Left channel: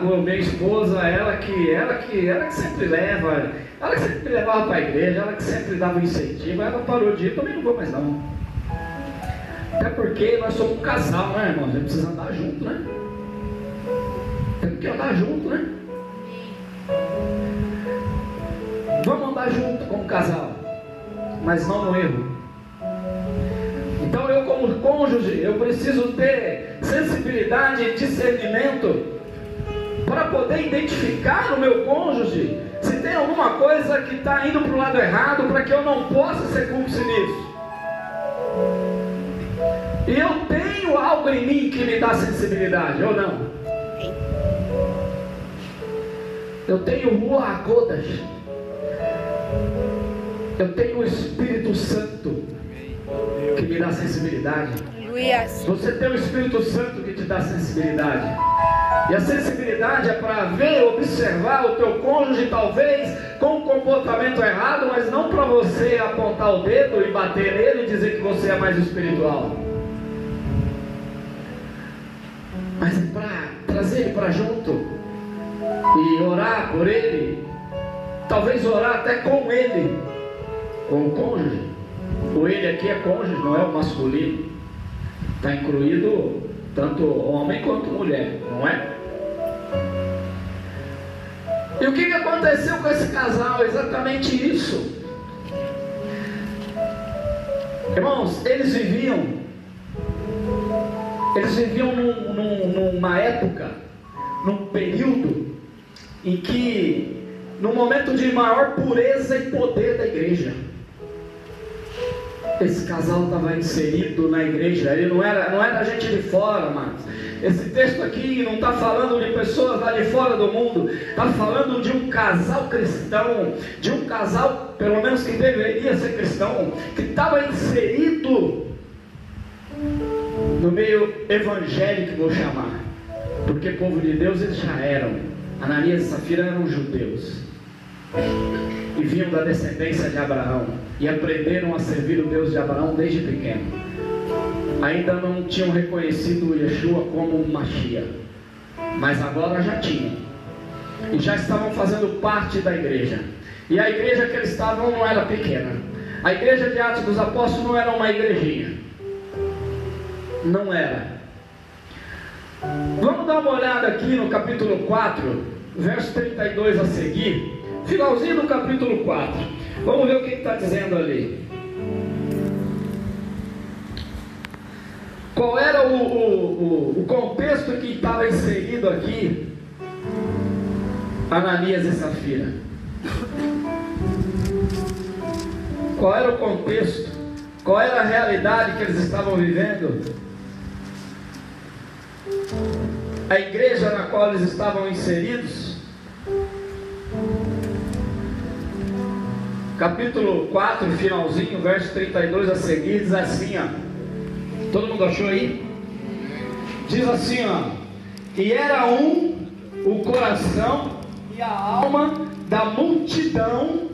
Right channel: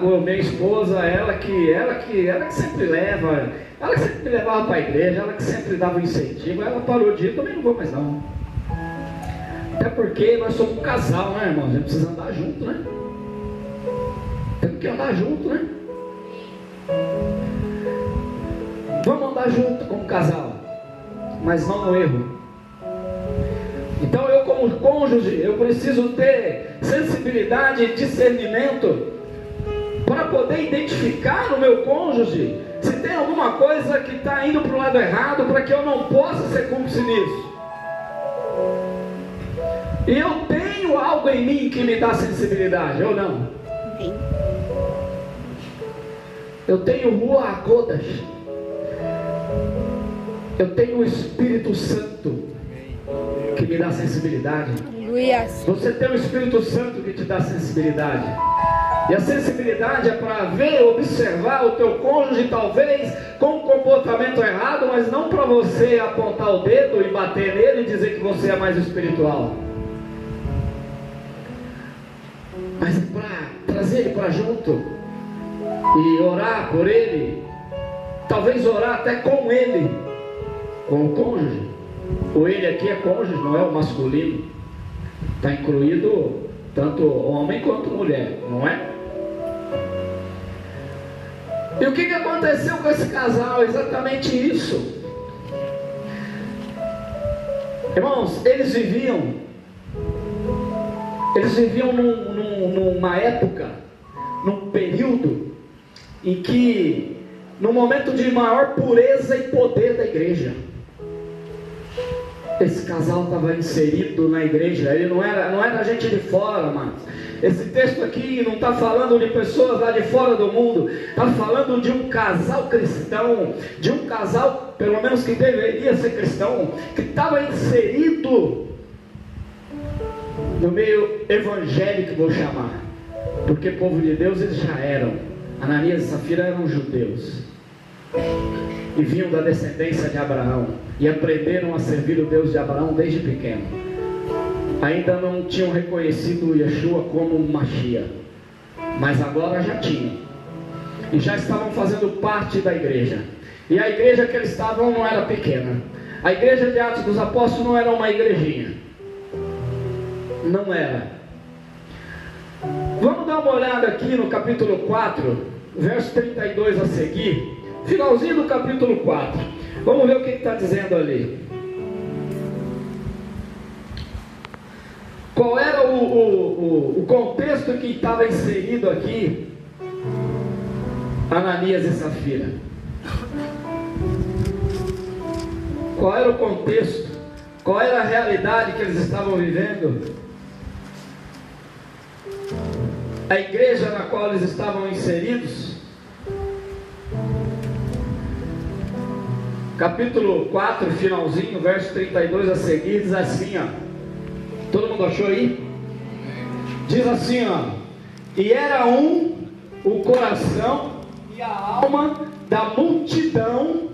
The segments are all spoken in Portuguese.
Com a minha esposa, ela que sempre leva, ela que sempre me levava para a igreja, ela que sempre dava um incentivo. Ela parou de ir, também não vou mais não. Até porque nós somos um casal, né, irmão? A gente precisa andar junto, né? Temos que andar junto, né? Vamos andar junto como casal, mas não no erro. Então eu, como cônjuge, eu preciso ter sensibilidade e discernimento para poder identificar no meu cônjuge se tem alguma coisa que está indo para o lado errado, para que eu não possa ser cúmplice nisso. E eu tenho algo em mim que me dá sensibilidade, ou não? Eu tenho Ruach HaKodesh. Eu tenho o Espírito Santo que me dá sensibilidade. Você tem o Espírito Santo que te dá sensibilidade. E a sensibilidade é para ver, observar o teu cônjuge, talvez com um comportamento errado, mas não para você apontar o dedo e bater nele e dizer que você é mais espiritual, mas para trazer ele para junto e orar por ele, talvez orar até com ele, com o cônjuge. O ele aqui é cônjuge, não é o masculino, está incluído tanto homem quanto mulher, não é? E o que aconteceu com esse casal? Exatamente isso. Irmãos, eles viviam numa época, num período em que, no momento de maior pureza e poder da igreja, esse casal estava inserido na igreja. Ele não era gente de fora, mas esse texto aqui não está falando de pessoas lá de fora do mundo, está falando de um casal cristão, de um casal, pelo menos que deveria ser cristão, que estava inserido no meio evangélico, vou chamar, porque povo de Deus eles já eram. Ananias e Safira eram judeus e vinham da descendência de Abraão e aprenderam a servir o Deus de Abraão desde pequeno. Ainda não tinham reconhecido Yeshua como um Mashiach, mas agora já tinham, e já estavam fazendo parte da igreja. E a igreja que eles estavam não era pequena. A igreja de Atos dos Apóstolos não era uma igrejinha, não era. Vamos dar uma olhada aqui no capítulo 4, verso 32 a seguir, finalzinho do capítulo 4. Vamos ver o que está dizendo ali. Qual era o contexto que estava inserido aqui Ananias e Safira? Qual era o contexto? Qual era a realidade que eles estavam vivendo? A igreja na qual eles estavam inseridos? Capítulo 4, finalzinho, verso 32 a seguir, diz assim, ó. Todo mundo achou aí? Diz assim, ó: e era o coração e a alma da multidão.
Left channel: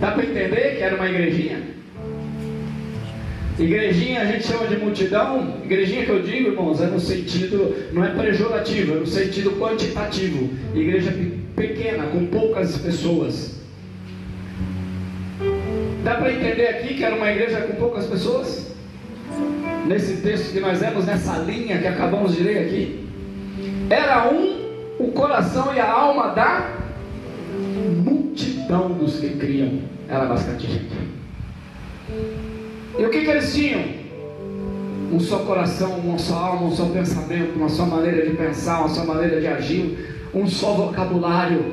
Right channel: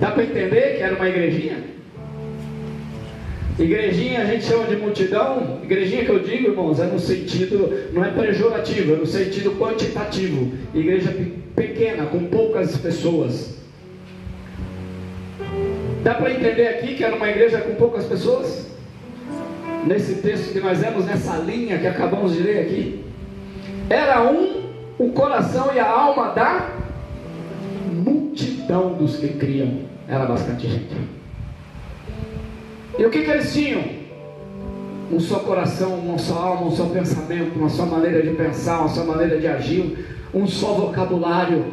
Dá para entender que era uma igrejinha? Igrejinha a gente chama de multidão. Igrejinha que eu digo, irmãos, é no sentido, não é pejorativo, é no sentido quantitativo. Igreja pequena, com poucas pessoas. Dá para entender aqui que era uma igreja com poucas pessoas? Nesse texto que nós vemos, nessa linha que acabamos de ler aqui, era o coração e a alma da multidão dos que criam. Era bastante gente. E o que eles tinham? Um só coração, uma só alma, um só pensamento, uma só maneira de pensar, uma só maneira de agir, um só vocabulário,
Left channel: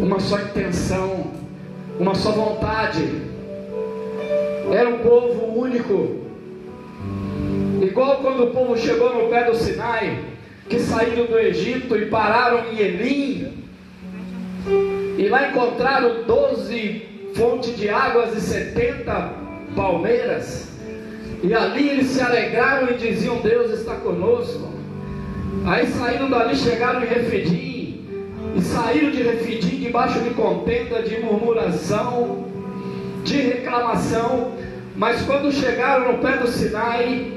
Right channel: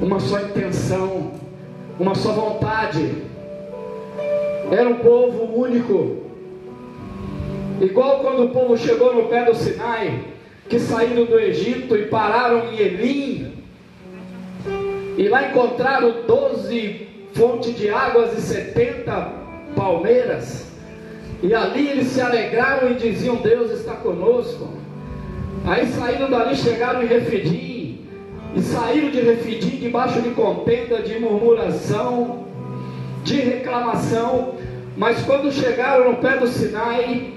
uma só intenção, uma só vontade. Era um povo único. Igual quando o povo chegou no pé do Sinai, que saíram do Egito e pararam em Elim, e lá encontraram 12 fontes de águas e 70 palmeiras, e ali eles se alegraram e diziam: Deus está conosco. Aí saíram dali, chegaram em Refidim, e saíram de Refidim debaixo de contenda, de murmuração, de reclamação. Mas quando chegaram no pé do Sinai,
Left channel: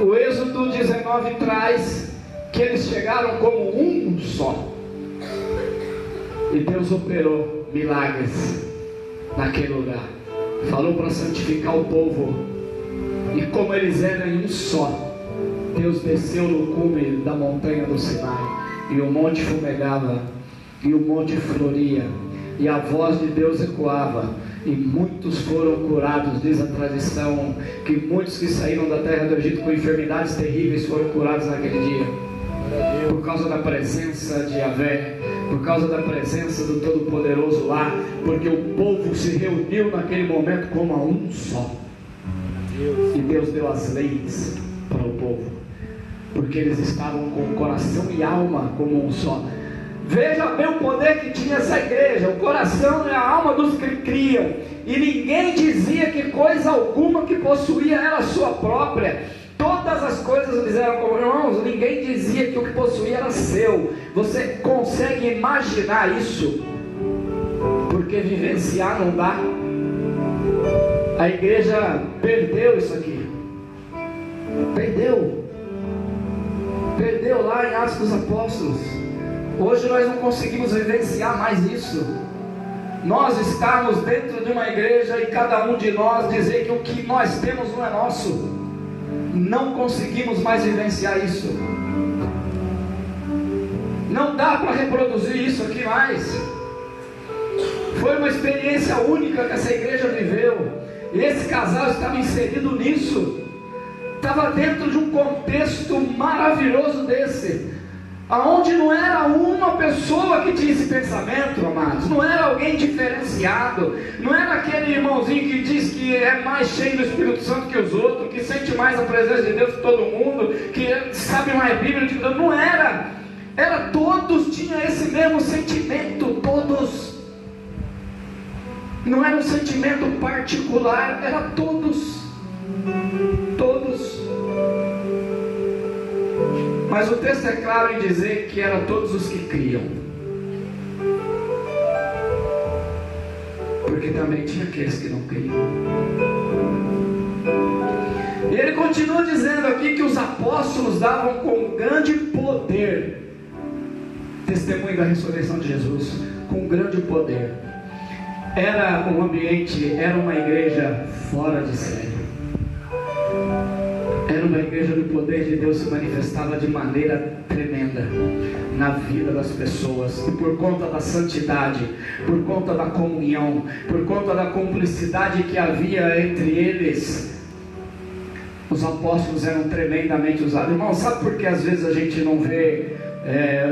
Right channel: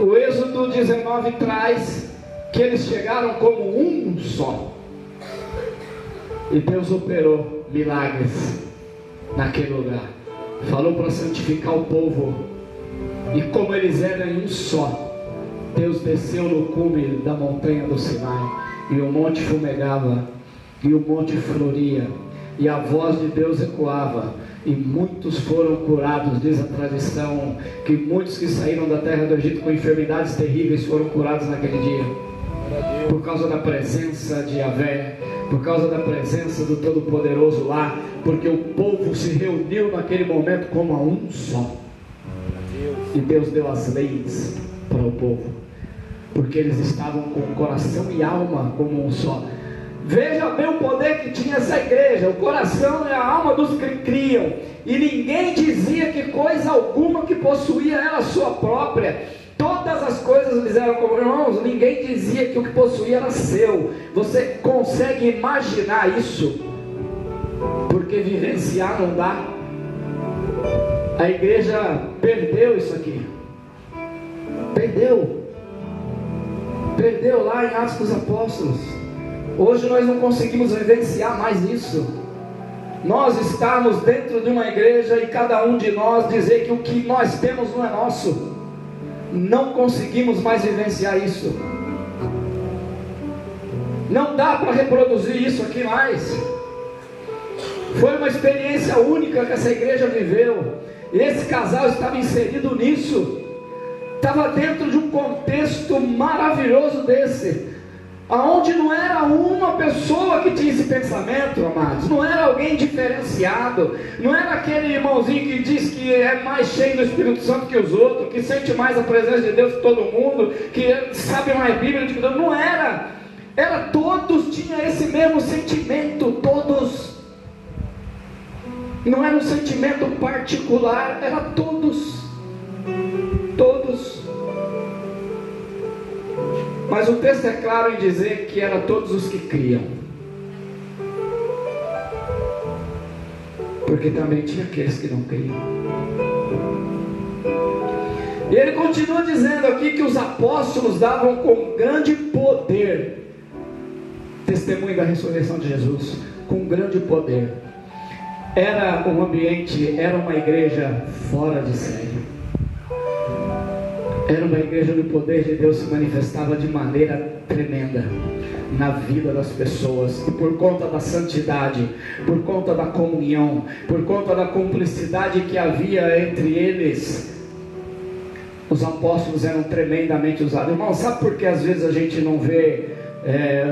o Êxodo 19 traz que eles chegaram como um só. E Deus operou milagres naquele lugar. Falou para santificar o povo. E como eles eram em um só, Deus desceu no cume da montanha do Sinai, e o monte fumegava, e o monte floria, e a voz de Deus ecoava, e muitos foram curados. Diz a tradição que muitos que saíram da terra do Egito com enfermidades terríveis foram curados naquele dia, por causa da presença de Yahvé, por causa da presença do Todo-Poderoso lá, porque o povo se reuniu naquele momento como a um só. E Deus deu as leis para o povo, porque eles estavam com coração e alma como um só. Veja bem o poder que tinha essa igreja, o coração e a alma dos que criam, e ninguém dizia que coisa alguma que possuía era sua própria. Todas as coisas eles eram como irmãos, ninguém dizia que o que possuía era seu. Você consegue imaginar isso? Porque vivenciar não dá. A igreja perdeu isso aqui. Perdeu lá em Atos dos Apóstolos. Hoje nós não conseguimos vivenciar mais isso. Nós estamos dentro de uma igreja e cada um de nós dizer que o que nós temos não é nosso. Não conseguimos mais vivenciar isso. Não dá para reproduzir isso aqui mais. Foi uma experiência única que essa igreja viveu. E esse casal estava inserido nisso. Estava dentro de um contexto maravilhoso desse, aonde não era uma pessoa que tinha esse pensamento, amados. Não era alguém diferenciado. Não era aquele irmãozinho que diz que é mais cheio do Espírito Santo que os outros, que sente mais a presença de Deus que todo mundo, que sabe mais Bíblia que Deus. Não era. Era todos tinham esse mesmo sentimento, todos. E não era um sentimento particular, era todos. Todos. Mas o texto é claro em dizer que era todos os que criam, porque também tinha aqueles que não criam. E ele continua dizendo aqui que os apóstolos davam com grande poder testemunho da ressurreição de Jesus, com grande poder. Era um ambiente, era uma igreja fora de série. Era uma igreja onde o poder de Deus se manifestava de maneira tremenda na vida das pessoas, e por conta da santidade, por conta da comunhão, por conta da cumplicidade que havia entre eles, os apóstolos eram tremendamente usados. Irmão, sabe por que às vezes a gente não vê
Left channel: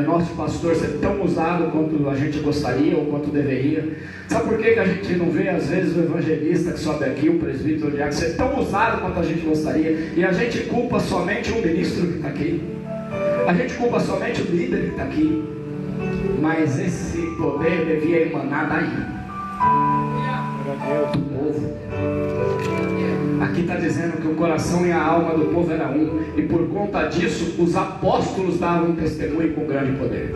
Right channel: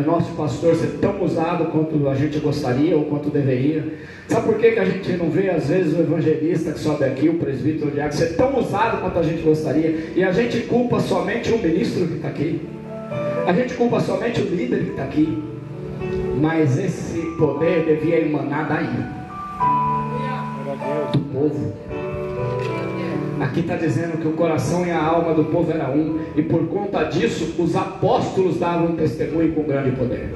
nosso pastor ser tão usado quanto a gente gostaria ou quanto deveria? Sabe por que a gente não vê às vezes o evangelista que sobe aqui, o presbítero, o diácono, ser tão usado quanto a gente gostaria? E a gente culpa somente o ministro que está aqui, a gente culpa somente o líder que está aqui, mas esse poder devia emanar daí, do povo. Aqui está dizendo que o coração e a alma do povo era um, e por conta disso os apóstolos davam testemunho com grande poder,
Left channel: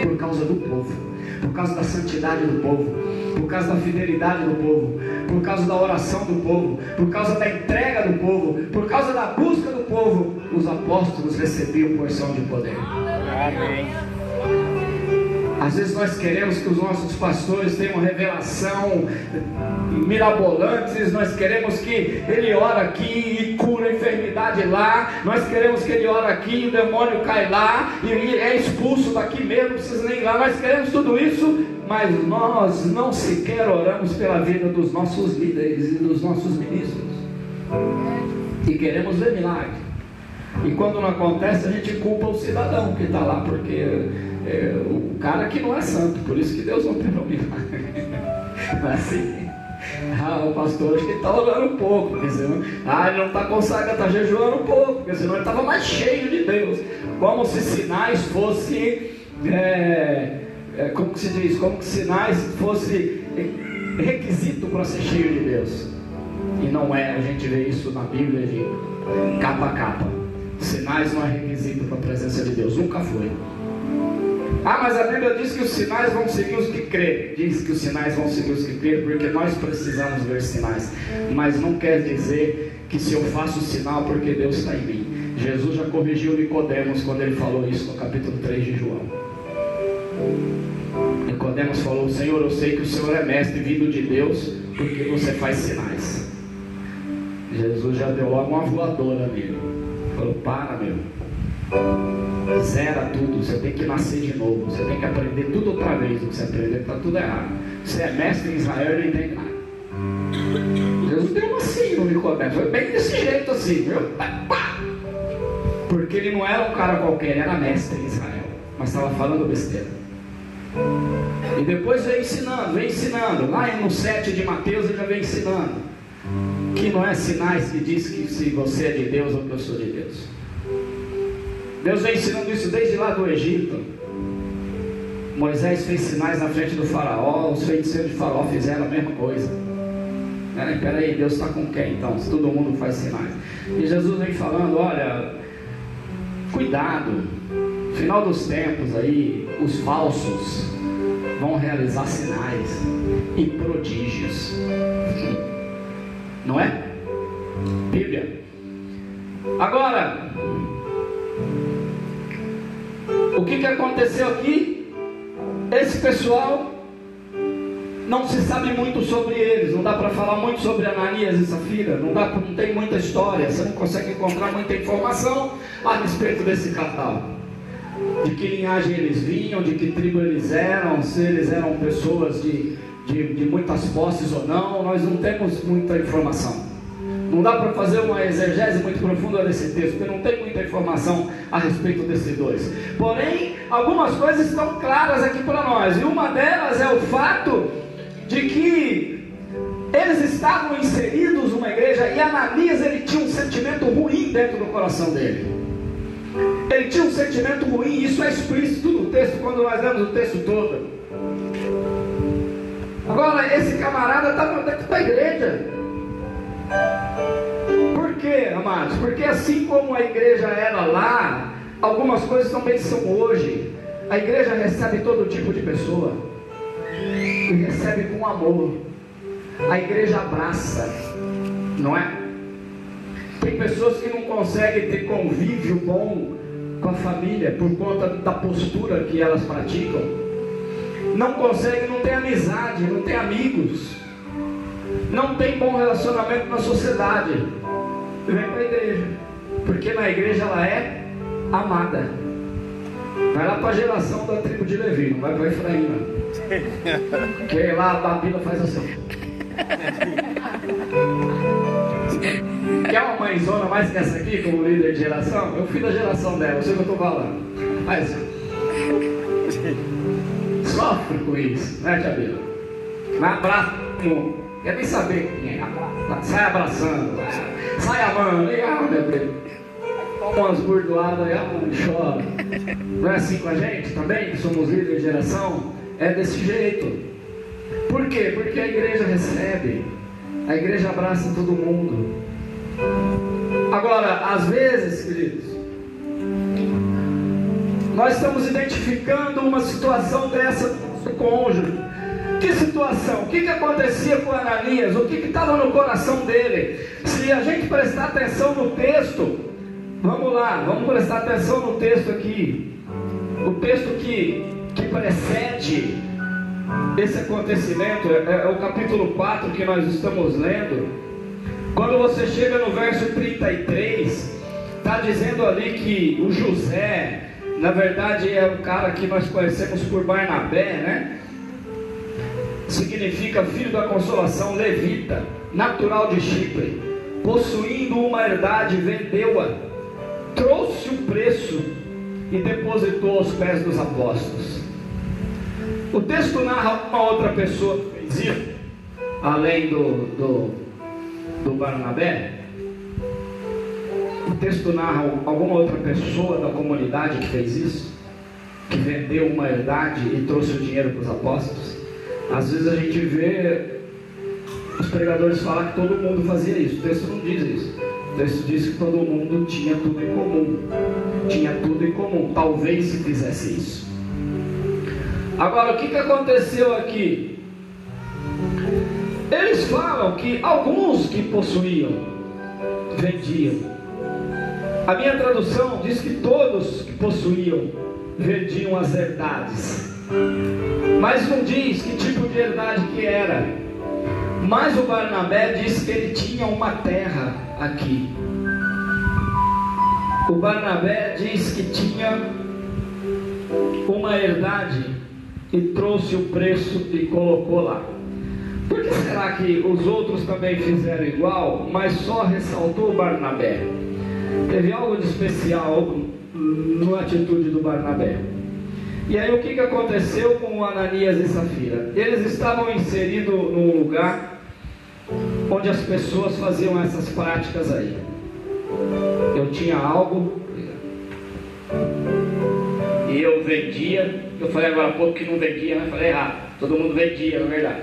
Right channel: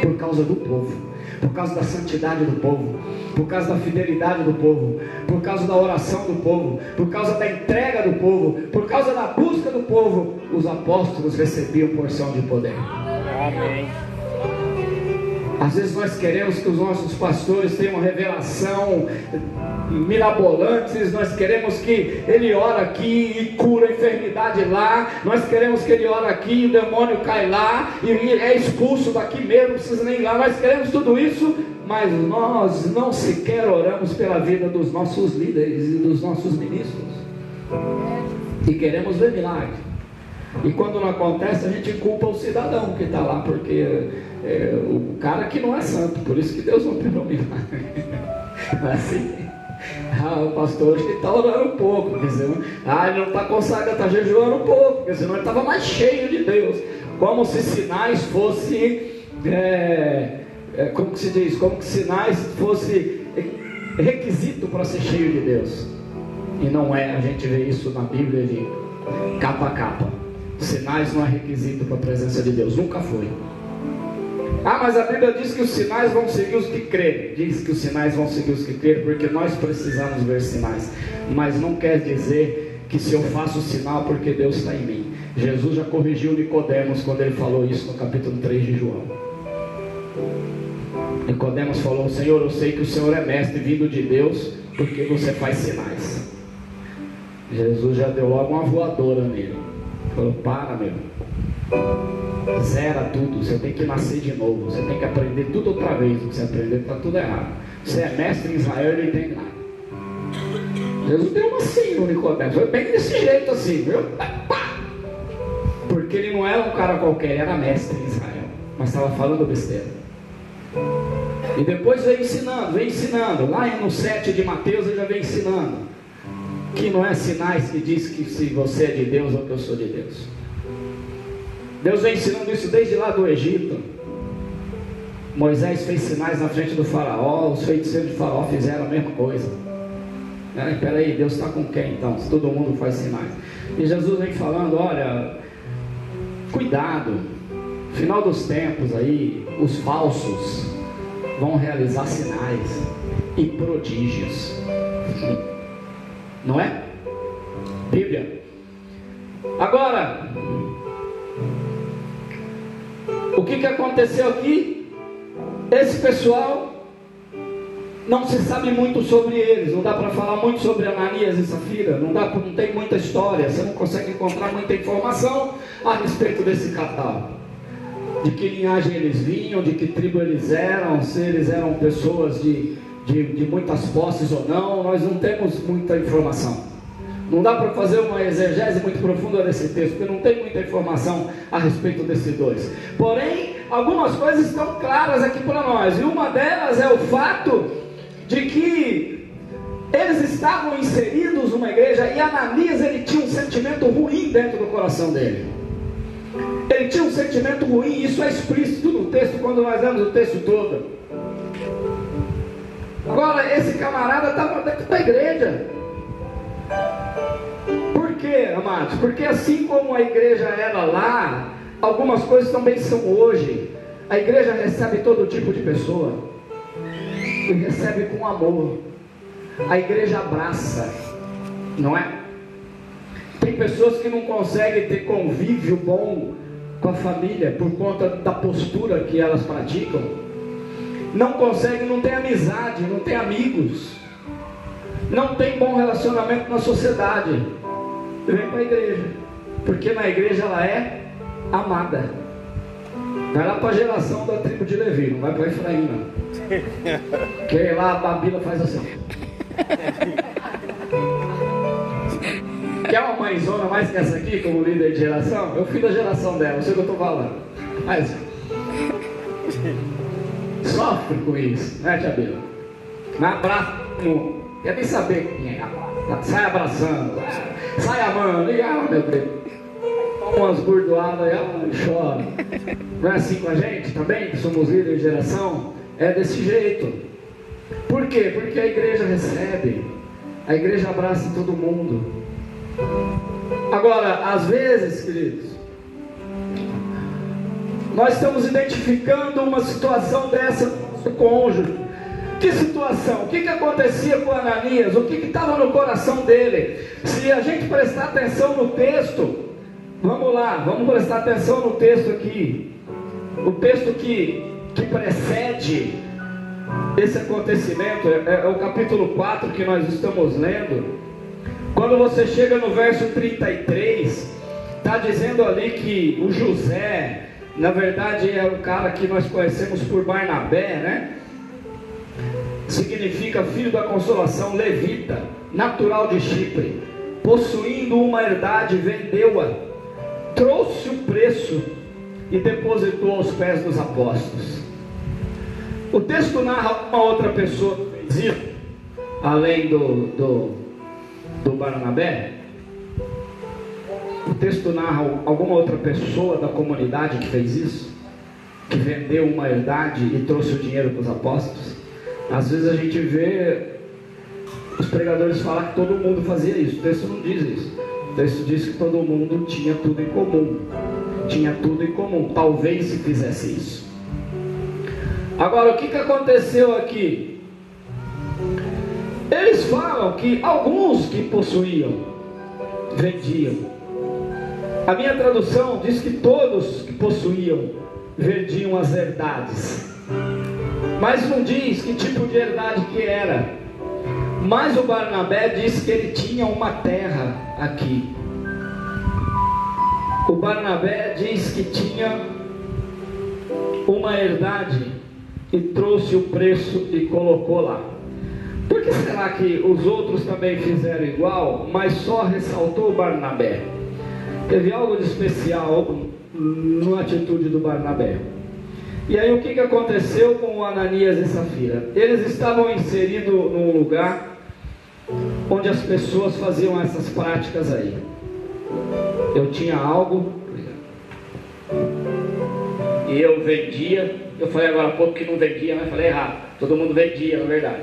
por causa do povo, por causa da santidade do povo, por causa da fidelidade do povo, por causa da oração do povo, por causa da entrega do povo, por causa da busca do povo. Os apóstolos recebiam porção de poder. Amém. Às vezes nós queremos que os nossos pastores tenham uma revelação mirabolante, nós queremos que ele ora aqui e cura a enfermidade lá, nós queremos que ele ora aqui e o demônio cai lá e é expulso daqui mesmo, não precisa nem ir lá. Nós queremos tudo isso, mas nós não sequer oramos pela vida dos nossos líderes e dos nossos ministros, e queremos ver milagre. E quando não acontece, a gente culpa o cidadão que está lá, porque o cara que não é santo, por isso que Deus não operou milagre. Mas assim, o pastor acho que está orando um pouco, porque senão, ele não está consagrado, está jejuando um pouco, porque senão ele estava mais cheio de Deus. Como se sinais fosse, como que se diz, como que sinais fosse requisito para ser cheio de Deus. E não é, a gente vê isso na Bíblia de capa a capa. Sinais não é requisito para a presença de Deus, nunca foi. Mas a Bíblia diz que os sinais vão seguir os que crerem. Diz que os sinais vão seguir os que crerem, porque nós precisamos ver sinais. Mas não quer dizer que se eu faço sinal porque Deus está em mim. Jesus já corrigiu Nicodemos quando ele falou isso no capítulo 3 de João. Nicodemos falou: Senhor, eu sei que o Senhor é mestre vindo de Deus, porque você faz sinais. Jesus já deu logo uma voadora nele. Falou: para, meu, zera tudo, você tem que nascer de novo, você tem que aprender tudo outra vez. O que você aprendeu está tudo errado. Você é mestre em Israel e não entende nada. Jesus deu assim no Nicodemos, foi bem desse jeito assim, viu? Porque ele não era um cara qualquer, ele era mestre em Israel, mas estava falando besteira. E depois veio ensinando. Lá no 7 de Mateus ele já vem ensinando que não é sinais que diz que se você é de Deus ou que eu sou de Deus. Deus vem ensinando isso desde lá do Egito. Moisés fez sinais na frente do faraó, os feiticeiros de faraó fizeram a mesma coisa. Peraí, Deus está com quem então, se todo mundo faz sinais? E Jesus vem falando: olha, cuidado, final dos tempos aí, os falsos vão realizar sinais e prodígios. Não é? Bíblia. Agora, o que aconteceu aqui? Esse pessoal, não se sabe muito sobre eles, não dá para falar muito sobre Ananias e Safira, não tem muita história, você não consegue encontrar muita informação a respeito desse casal. De que linhagem eles vinham, de que tribo eles eram, se eles eram pessoas de muitas posses ou não, nós não temos muita informação. Não dá para fazer uma exegese muito profunda desse texto, porque não tem muita informação a respeito desses dois. Porém, algumas coisas estão claras aqui para nós, e uma delas é o fato de que eles estavam inseridos numa igreja, e Ananias, ele tinha um sentimento ruim dentro do coração dele. Ele tinha um sentimento ruim, isso é explícito no texto, quando nós lemos o texto todo. Agora, esse camarada estava dentro da igreja. Por quê, amados? Porque assim como a igreja era lá, algumas coisas também são hoje. A igreja recebe todo tipo de pessoa e recebe com amor. A igreja abraça, não é? Tem pessoas que não conseguem ter convívio bom com a família por conta da postura que elas praticam. Não conseguem, não tem amizade, não tem amigos, não tem bom relacionamento na sociedade. E vem para a igreja, porque na igreja ela é amada. Vai lá para a geração da tribo de Levi, não vai para Efraim, não. Porque lá a Bíblia faz assim. Quer uma mãezona mais que essa aqui, como líder de geração? Eu fui da geração dela, eu sei o que eu estou falando. Mas sofre com isso, né, tia Bíblia? Não abraça, não quer nem saber quem é. Sai abraçando, sai amando, meu Deus. Umas burdoadas aí, chora. Não é assim com a gente também, que somos líderes de geração? É desse jeito. Por quê? Porque a igreja recebe, a igreja abraça todo mundo. Agora, às vezes, queridos, nós estamos identificando uma situação dessa do cônjuge. Que situação? O que acontecia com Ananias? O que estava no coração dele? Se a gente prestar atenção no texto, vamos lá, vamos prestar atenção no texto aqui. O texto que precede esse acontecimento é o capítulo 4 que nós estamos lendo. Quando você chega no verso 33, está dizendo ali que o José, na verdade é o cara que nós conhecemos por Barnabé, né? Significa filho da consolação, levita, natural de Chipre, possuindo uma herdade, vendeu-a, trouxe o preço e depositou aos pés dos apóstolos. O texto narra uma outra pessoa que fez isso, além do Barnabé. O texto narra alguma outra pessoa da comunidade que fez isso, que vendeu uma herdade e trouxe o dinheiro para os apóstolos. Às vezes a gente vê os pregadores falar que todo mundo fazia isso. O texto não diz isso. O texto diz que todo mundo tinha tudo em comum. Tinha tudo em comum. Talvez se fizesse isso. Agora, o que aconteceu aqui? Eles falam que alguns que possuíam, vendiam. A minha tradução diz que todos que possuíam vendiam as herdades, mas não diz que tipo de herdade que era. Mas o Barnabé diz que ele tinha uma terra aqui. O Barnabé diz que tinha uma herdade e trouxe o preço e colocou lá. Por que será que os outros também fizeram igual, mas só ressaltou o Barnabé? Teve algo de especial na atitude do Barnabé. E aí o que aconteceu com Ananias e Safira? Eles estavam inseridos num lugar onde as pessoas faziam essas práticas aí. Eu tinha algo e eu vendia. Eu falei agora há pouco que não vendia, mas falei errado. Todo mundo vendia, na verdade.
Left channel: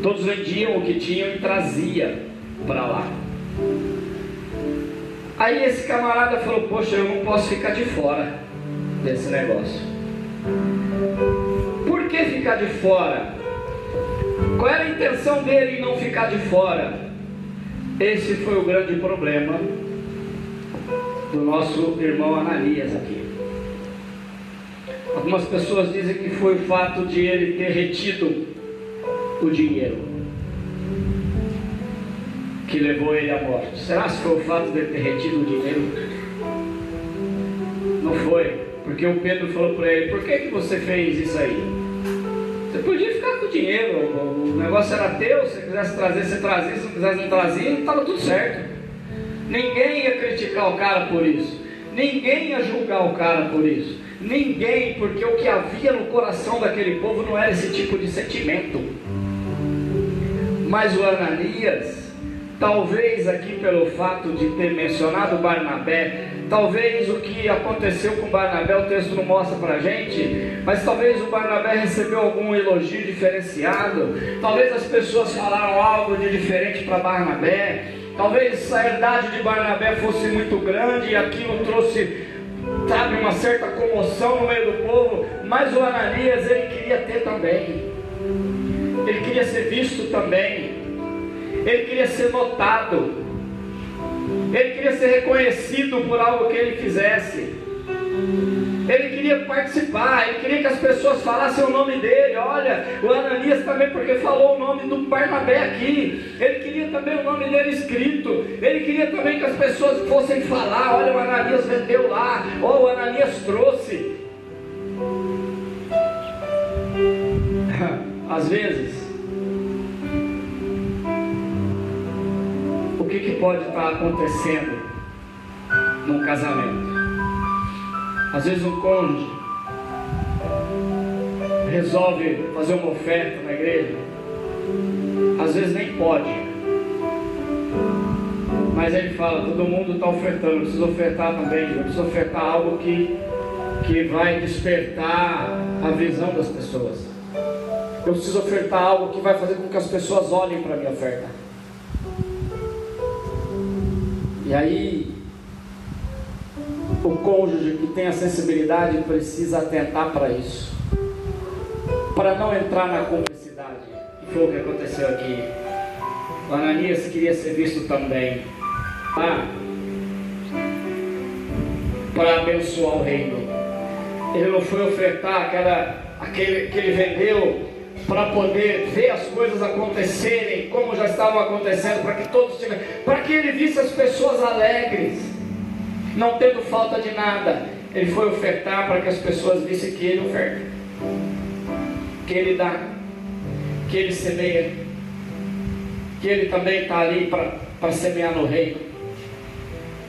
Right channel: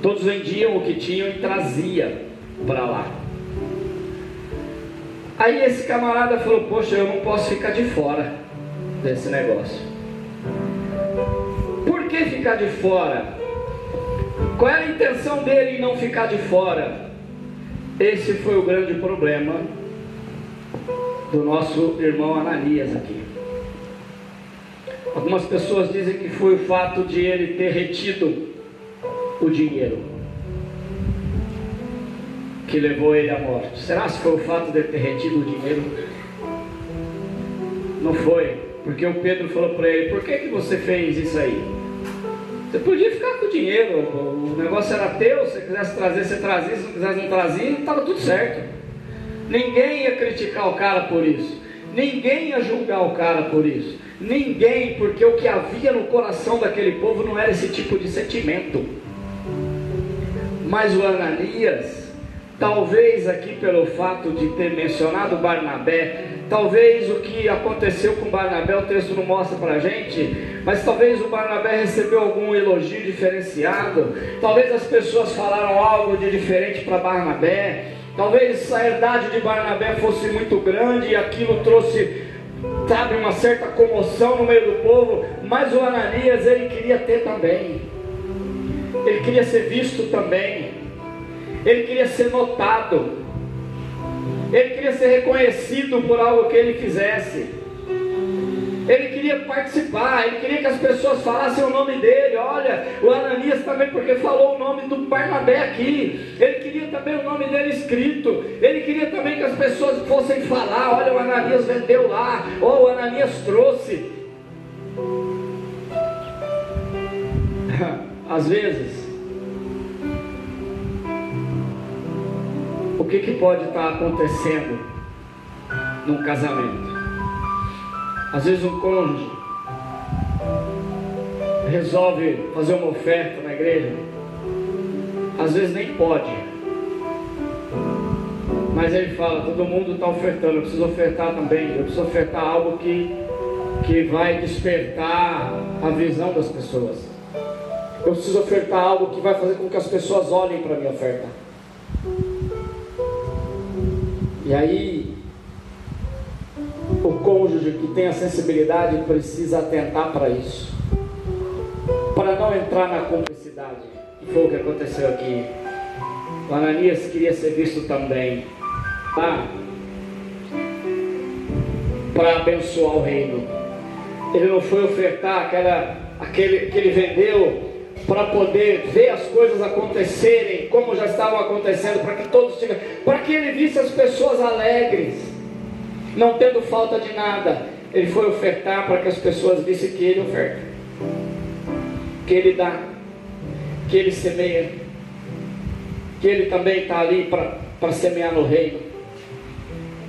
Todos vendiam o que tinham e trazia para lá. Aí esse camarada falou: poxa, eu não posso ficar de fora desse negócio. Por que ficar de fora? Qual era a intenção dele em não ficar de fora? Esse foi o grande problema do nosso irmão Ananias aqui. Algumas pessoas dizem que foi o fato de ele ter retido o dinheiro que levou ele à morte. Será que foi o fato de ele ter retido o dinheiro? Não foi, porque o Pedro falou para ele: por que você fez isso aí? Você podia ficar com o dinheiro, o negócio era teu, se você quisesse trazer, você trazia, se não quisesse não trazia, estava tudo certo. Ninguém ia criticar o cara por isso, ninguém ia julgar o cara por isso, ninguém, porque o que havia no coração daquele povo não era esse tipo de sentimento. Mas o Ananias, talvez aqui pelo fato de ter mencionado Barnabé, talvez o que aconteceu com Barnabé, o texto não mostra para a gente, mas talvez o Barnabé recebeu algum elogio diferenciado, talvez as pessoas falaram algo de diferente para Barnabé, talvez a herdade de Barnabé fosse muito grande e aquilo trouxe, sabe, uma certa comoção no meio do povo, mas o Ananias, ele queria ter também, ele queria ser visto também, ele queria ser notado, ele queria ser reconhecido por algo que ele fizesse, ele queria participar, ele queria que as pessoas falassem o nome dele. Olha, o Ananias também, porque falou o nome do Barnabé aqui, ele queria também o nome dele escrito, ele queria também que as pessoas fossem falar: olha, o Ananias vendeu lá, ou o Ananias trouxe. Às vezes, o que pode estar acontecendo num casamento? Às vezes um cônjuge resolve fazer uma oferta na igreja, às vezes nem pode, mas ele fala: todo mundo está ofertando, eu preciso ofertar também, eu preciso ofertar algo que vai despertar a visão das pessoas, eu preciso ofertar algo que vai fazer com que as pessoas olhem para a minha oferta. E aí o cônjuge que tem a sensibilidade precisa atentar para isso, para não entrar na cumplicidade, que foi o que aconteceu aqui. O Ananias queria ser visto também para abençoar o reino. Ele não foi ofertar aquele que ele vendeu para poder ver as coisas acontecerem como já estavam acontecendo, para que todos tivessem, para que ele visse as pessoas alegres, não tendo falta de nada. Ele foi ofertar para que as pessoas vissem que ele oferta, que ele dá, que ele semeia, que ele também está ali para semear no reino.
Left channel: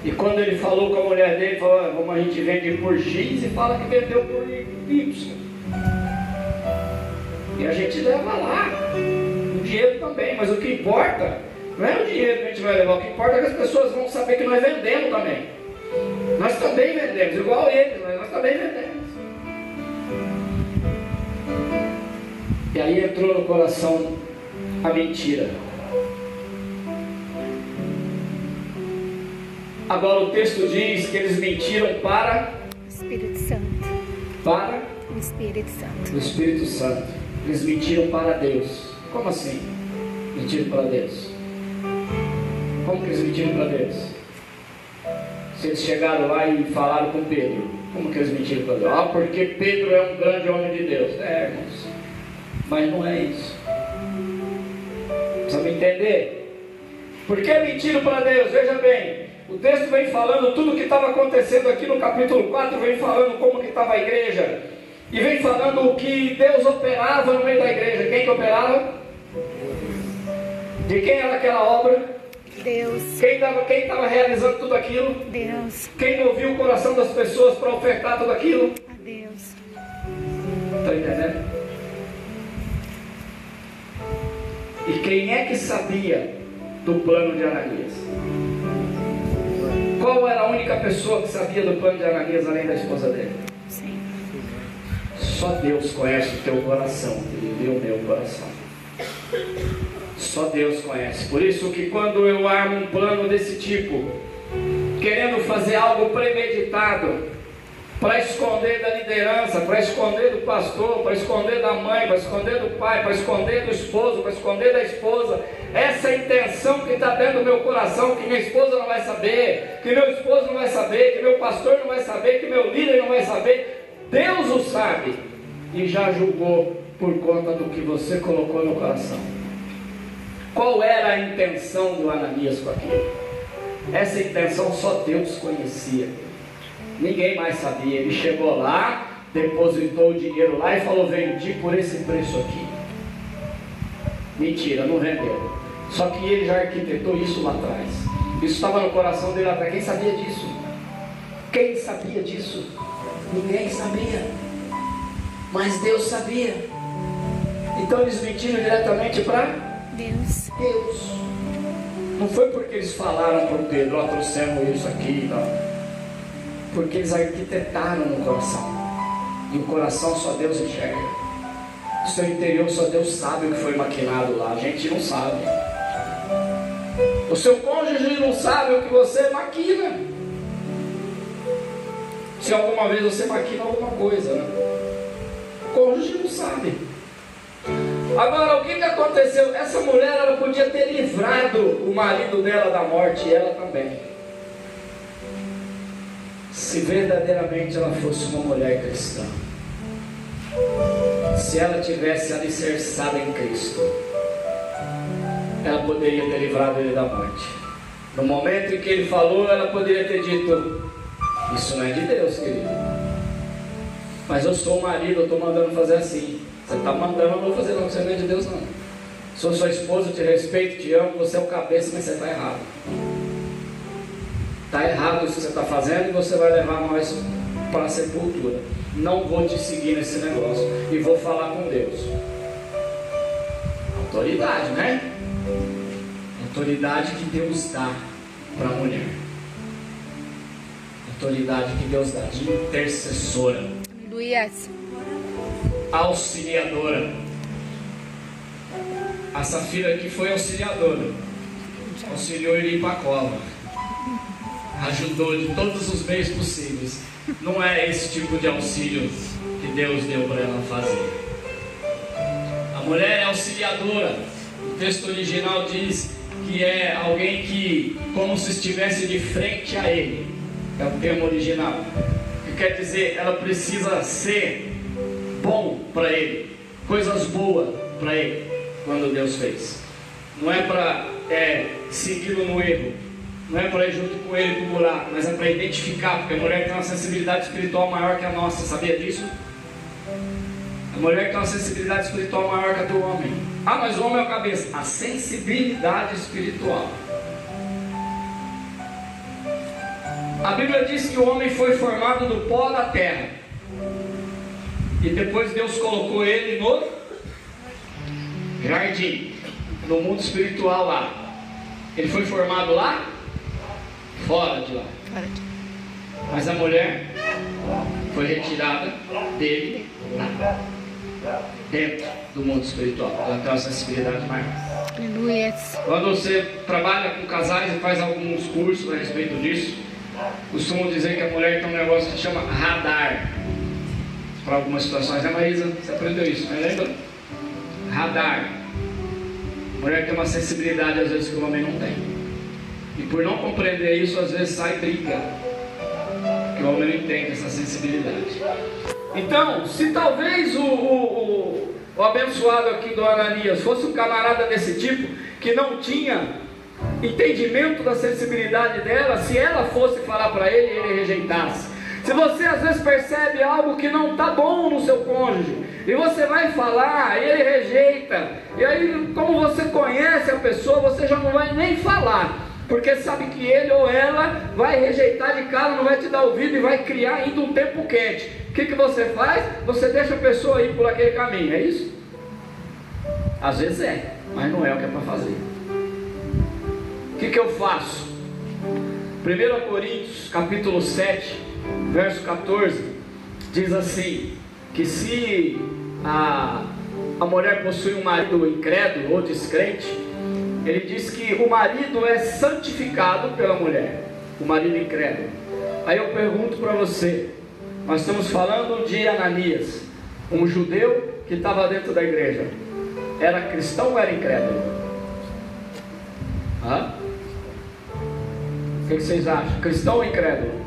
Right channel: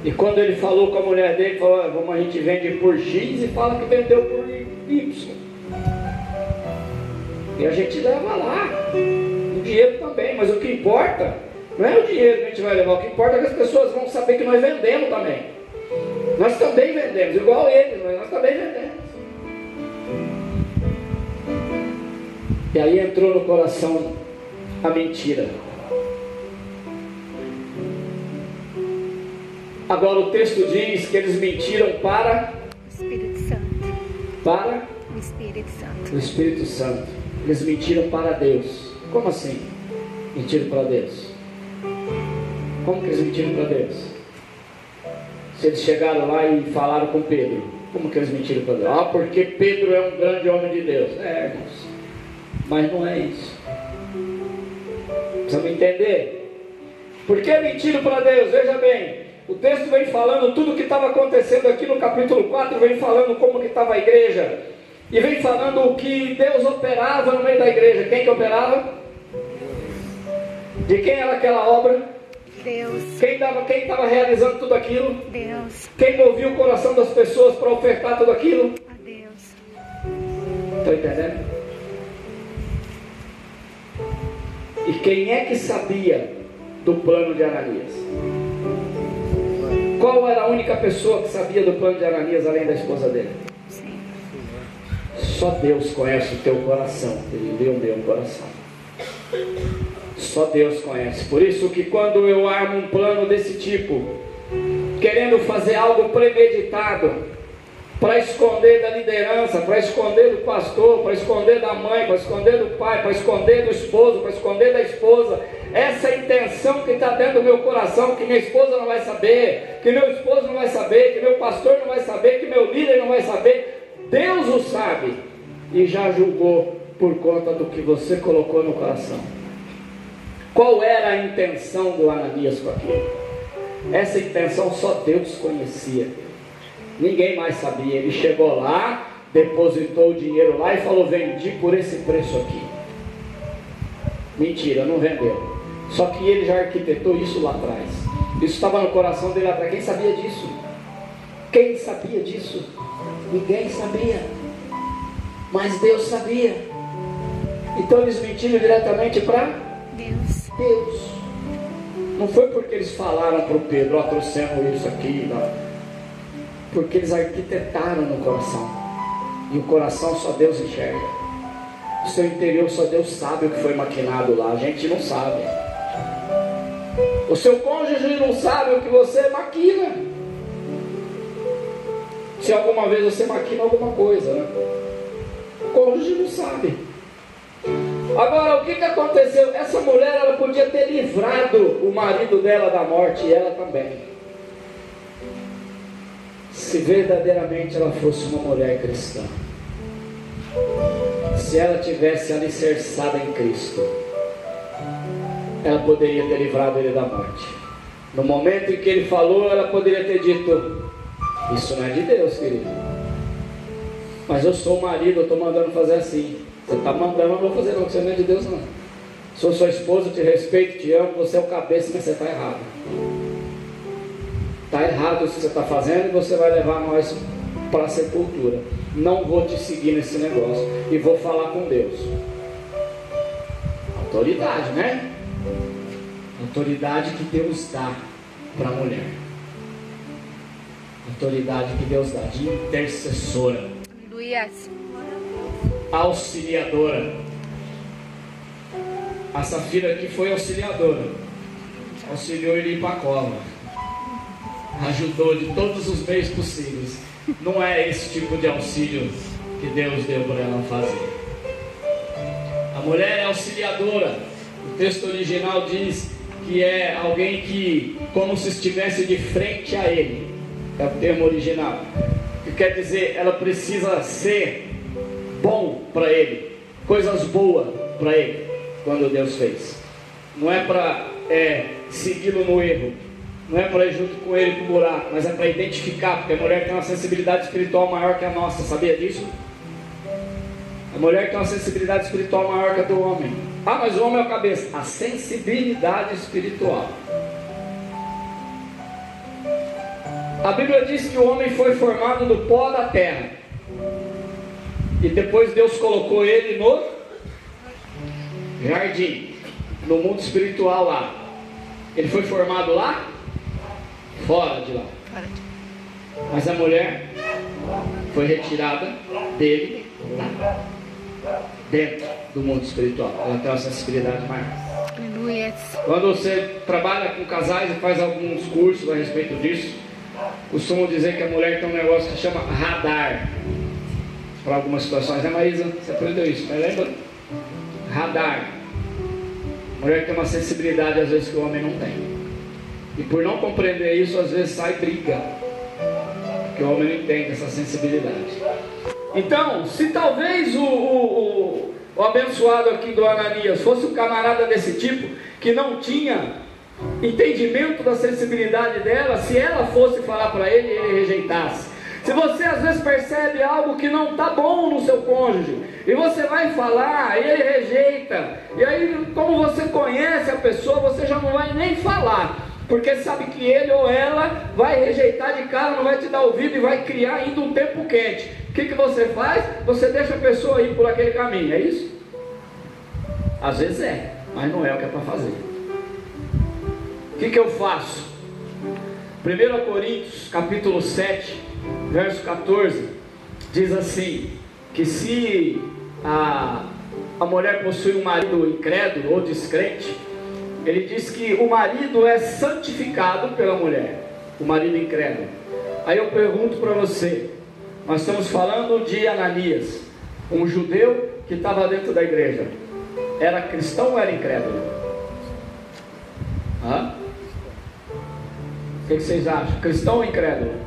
E quando ele falou com a mulher dele, falou: como a gente vende por X e fala que vendeu por Y, e a gente leva lá o dinheiro também, mas o que importa não é o dinheiro que a gente vai levar, o que importa é que as pessoas vão saber que nós vendemos também. Nós também vendemos, igual eles, mas nós também vendemos. E aí entrou no coração a mentira. Agora o texto diz que eles mentiram para o Espírito Santo. Para o Espírito Santo. O Espírito Santo. Eles mentiram para Deus. Como assim? Mentiram para Deus? Como que eles mentiram para Deus? Se eles chegaram lá e falaram com Pedro, como que eles mentiram para Deus? Ah, porque Pedro é um grande homem de Deus. É, irmãos, mas não é isso. Precisa me entender? Por que mentiram para Deus? Veja bem, o texto vem falando tudo o que estava acontecendo aqui no capítulo 4, vem falando como que estava a igreja, e vem falando o que Deus operava no meio da igreja. Quem que operava? De quem era aquela obra? Deus. Quem estava realizando tudo aquilo? Deus. Quem movia o coração das pessoas para ofertar tudo aquilo? A Deus. Está entendendo? E quem é que sabia do plano de Ananias? Qual era a única pessoa que sabia do plano de Ananias além da esposa dele? Sim. Só Deus conhece o teu coração, e o meu coração. Só Deus conhece. Por isso que quando eu armo um plano desse tipo, querendo fazer algo premeditado, para esconder da liderança, para esconder do pastor, para esconder da mãe, para esconder do pai, para esconder do esposo, para esconder da esposa, essa intenção que está dentro do meu coração, que minha esposa não vai saber, que meu esposo não vai saber, que meu pastor não vai saber, que meu líder não vai saber, Deus o sabe e já julgou por conta do que você colocou no coração. Qual era a intenção do Ananias com aquilo? Essa intenção só Deus conhecia. Ninguém mais sabia. Ele chegou lá, depositou o dinheiro lá e falou: vendi por esse preço aqui. Mentira, não vendeu. Só que ele já arquitetou isso lá atrás. Isso estava no coração dele lá atrás. Quem sabia disso? Quem sabia disso? Ninguém sabia. Mas Deus sabia. Então eles mentiram diretamente para Deus. Não foi porque eles falaram para o Pedro: ó, trouxemos isso aqui, não. Porque eles arquitetaram no coração. E o coração só Deus enxerga. O seu interior só Deus sabe o que foi maquinado lá. A gente não sabe. O seu cônjuge não sabe o que você maquina. Se alguma vez você maquina alguma coisa, né? O cônjuge não sabe. Agora, o que aconteceu? Essa mulher, ela podia ter livrado o marido dela da morte, e ela também. Se verdadeiramente ela fosse uma mulher cristã, se ela tivesse alicerçada em Cristo, ela poderia ter livrado ele da morte. No momento em que ele falou, ela poderia ter dito: isso não é de Deus, querido, mas eu sou o marido, eu estou mandando fazer assim. Você está mandando, eu vou fazer, não, você não é de Deus não. Sou sua esposa, te respeito, te amo, você é o cabeça, mas você está errado. Está errado isso que você está fazendo e você vai levar nós para a sepultura. Não vou te seguir nesse negócio e vou falar com Deus. Autoridade, né? Autoridade que Deus dá para a mulher. Autoridade que Deus dá de intercessora. Luias. Auxiliadora. A Safira aqui foi auxiliadora. Auxiliou ele para a cova. Ajudou de todos os meios possíveis. Não é esse tipo de auxílio que Deus deu para ela fazer. A mulher é auxiliadora. O texto original diz que é alguém que, como se estivesse de frente a ele. É o termo original. Que quer dizer, ela precisa ser bom para ele, coisas boas para ele, quando Deus fez. Não é para segui-lo no erro, não é para ir junto com ele para o buraco, mas é para identificar, porque a mulher tem uma sensibilidade espiritual maior que a nossa, sabia disso? A mulher tem uma sensibilidade espiritual maior que a do homem. Ah, mas o homem é a cabeça. A sensibilidade espiritual. A Bíblia diz que o homem foi formado do pó da terra. E depois Deus colocou ele no jardim, no mundo espiritual lá. Ele foi formado lá? Fora de lá. Mas a mulher foi retirada dele dentro do mundo espiritual. Ela tem uma sensibilidade maior. Aleluia. Quando você trabalha com casais e faz alguns cursos a respeito disso, costumam dizer que a mulher tem um negócio que chama radar. Para algumas situações, né, Marisa? Você aprendeu isso, não lembra? Radar. A mulher tem uma sensibilidade às vezes que o homem não tem. E por não compreender isso, às vezes sai briga. que o homem não entende essa sensibilidade. Então, se talvez o abençoado aqui do Ananias fosse um camarada desse tipo, que não tinha entendimento da sensibilidade dela, se ela fosse falar para ele, ele rejeitasse. Se você às vezes percebe algo que não está bom no seu cônjuge, e você vai falar, ele rejeita, e aí como você conhece a pessoa, você já não vai nem falar, porque sabe que ele ou ela vai rejeitar de cara, não vai te dar ouvido e vai criar ainda um tempo quente. O que você faz? Você deixa a pessoa ir por aquele caminho, é isso? Às vezes é, mas não é o que é para fazer. O que eu faço? 1 Coríntios capítulo 7, verso 14, diz assim, que se a mulher possui um marido incrédulo ou descrente, ele diz que o marido é santificado pela mulher, o marido incrédulo. Aí eu pergunto para você, nós estamos falando de Ananias, um judeu que estava dentro da igreja, era cristão ou era incrédulo? O que vocês acham? Cristão ou incrédulo?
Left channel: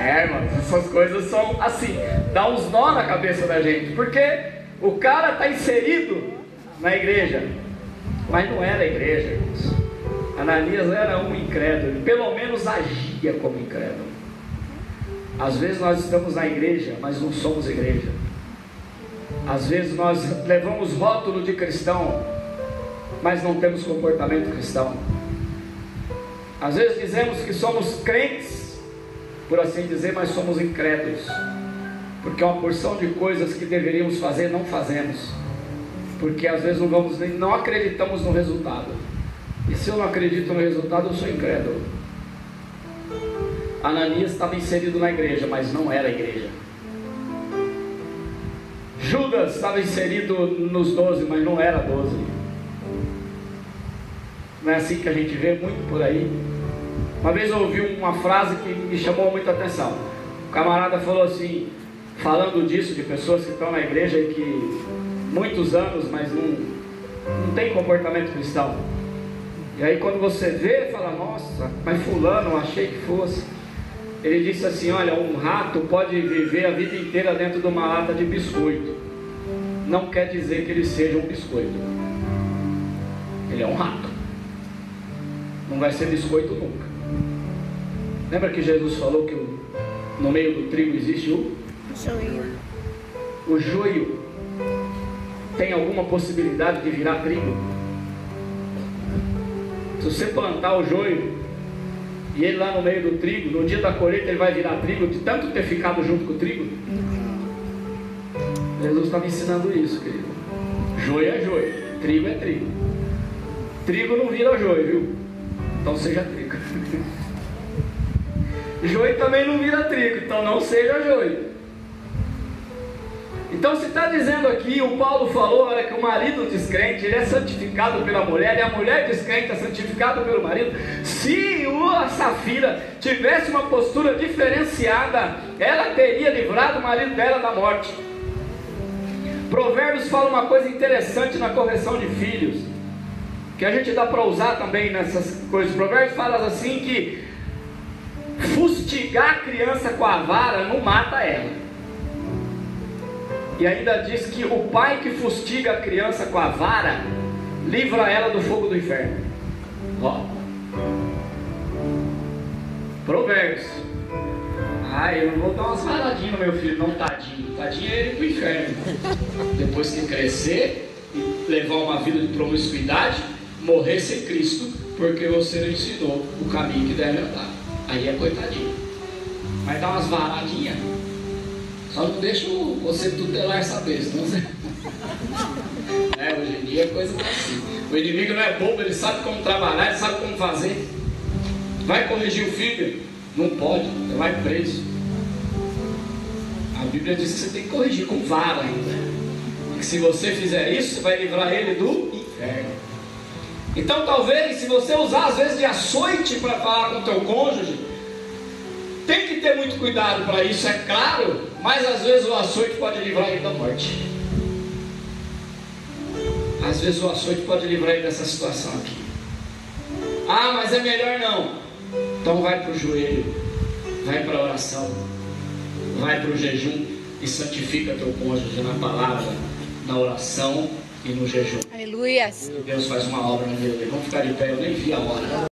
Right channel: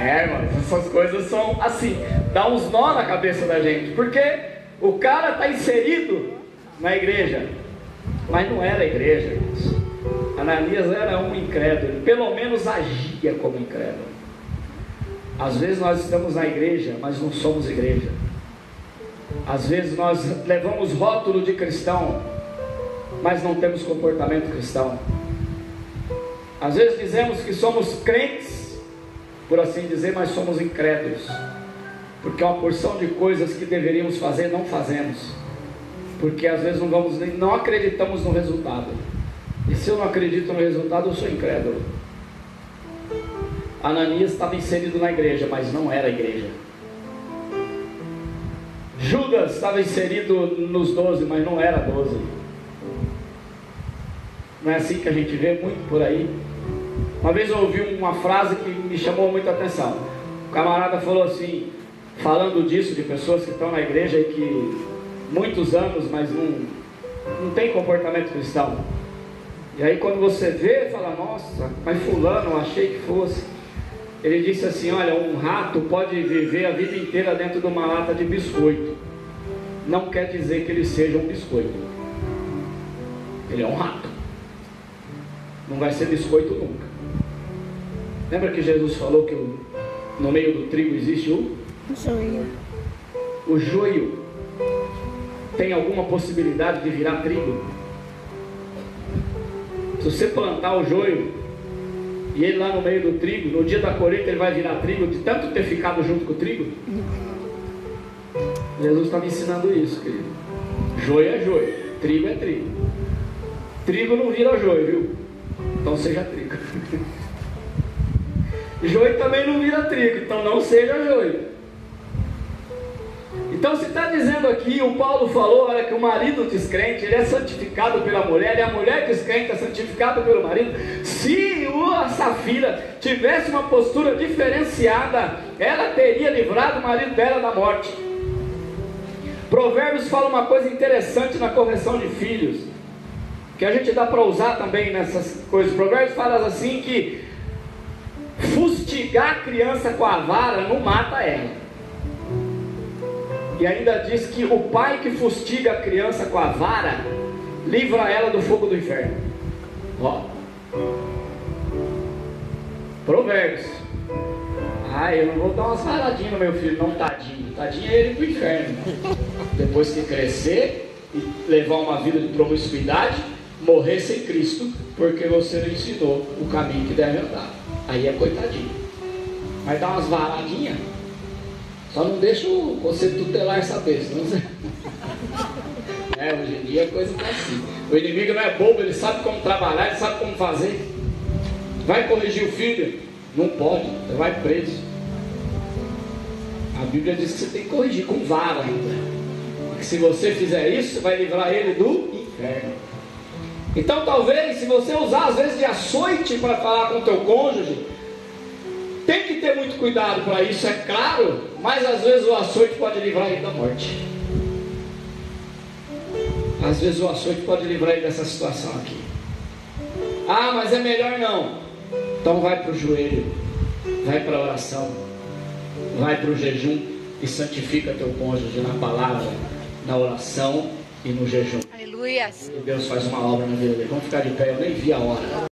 Irmão, essas coisas são assim, dá uns nó na cabeça da gente, porque o cara está inserido na igreja, mas não era igreja, irmãos. Ananias era um incrédulo, pelo menos agia como incrédulo. Às vezes nós estamos na igreja, mas não somos igreja. Às vezes nós levamos rótulo de cristão, mas não temos comportamento cristão. Às vezes dizemos que somos crentes, por assim dizer, mas somos incrédulos, porque uma porção de coisas que deveríamos fazer não fazemos, porque às vezes não acreditamos no resultado. E se eu não acredito no resultado, eu sou incrédulo. Ananias estava inserido na igreja, mas não era igreja. Judas estava inserido nos 12, mas não era 12. Não é assim que a gente vê muito por aí? Uma vez eu ouvi uma frase que me chamou muita atenção. O camarada falou assim, falando disso, de pessoas que estão na igreja e que muitos anos, mas não tem comportamento cristão. E aí quando você vê, fala, nossa, mas fulano, eu achei que fosse. Ele disse assim, olha, um rato pode viver a vida inteira dentro de uma lata de biscoito. Não quer dizer que ele seja um biscoito. Ele é um rato. Não vai ser biscoito nunca. Lembra que Jesus falou que no meio do trigo existe o joio? O joio tem alguma possibilidade de virar trigo? Se você plantar o joio e ele lá no meio do trigo, no dia da colheita ele vai virar trigo de tanto ter ficado junto com o trigo? Jesus estava ensinando isso, querido. Joio é joio, trigo é trigo. Trigo não vira joio, viu? Então seja trigo. Joio também não vira trigo, então não seja joio. Então se está dizendo aqui, o Paulo falou, olha, que o marido descrente, ele é santificado pela mulher, e a mulher descrente é santificada pelo marido. Se a Safira tivesse uma postura diferenciada, ela teria livrado o marido dela da morte. Provérbios fala uma coisa interessante na correção de filhos, que a gente dá para usar também nessas coisas. Provérbios fala assim que fustigar a criança com a vara não mata ela. E ainda diz que o pai que fustiga a criança com a vara livra ela do fogo do inferno. Ó, Provérbios. Eu não vou dar umas varadinhas no meu filho, não, tadinho. Tadinho ele do inferno. Depois que crescer e levar uma vida de promiscuidade, morrer sem Cristo, porque você não ensinou o caminho que deve andar. Aí é coitadinho. Vai dar umas varadinhas. Só não deixa você tutelar essa besta. Hoje em dia a coisa está assim. O inimigo não é bobo, ele sabe como trabalhar, ele sabe como fazer. Vai corrigir o filho? Não pode, você vai preso. A Bíblia diz que você tem que corrigir com vara. E que se você fizer isso, você vai livrar ele do inferno. Então talvez, se você usar às vezes de açoite para falar com o teu cônjuge, tem que ter muito cuidado para isso, é claro, mas às vezes o açoite pode livrar ele da morte. Às vezes o açoite pode livrar ele dessa situação aqui. Ah, mas é melhor não. Então vai para o joelho, vai para a oração, vai para o jejum e santifica teu cônjuge na palavra, na oração e no jejum. Aleluia. Deus faz uma obra na vida dele. Vamos ficar de pé, eu nem vi a hora.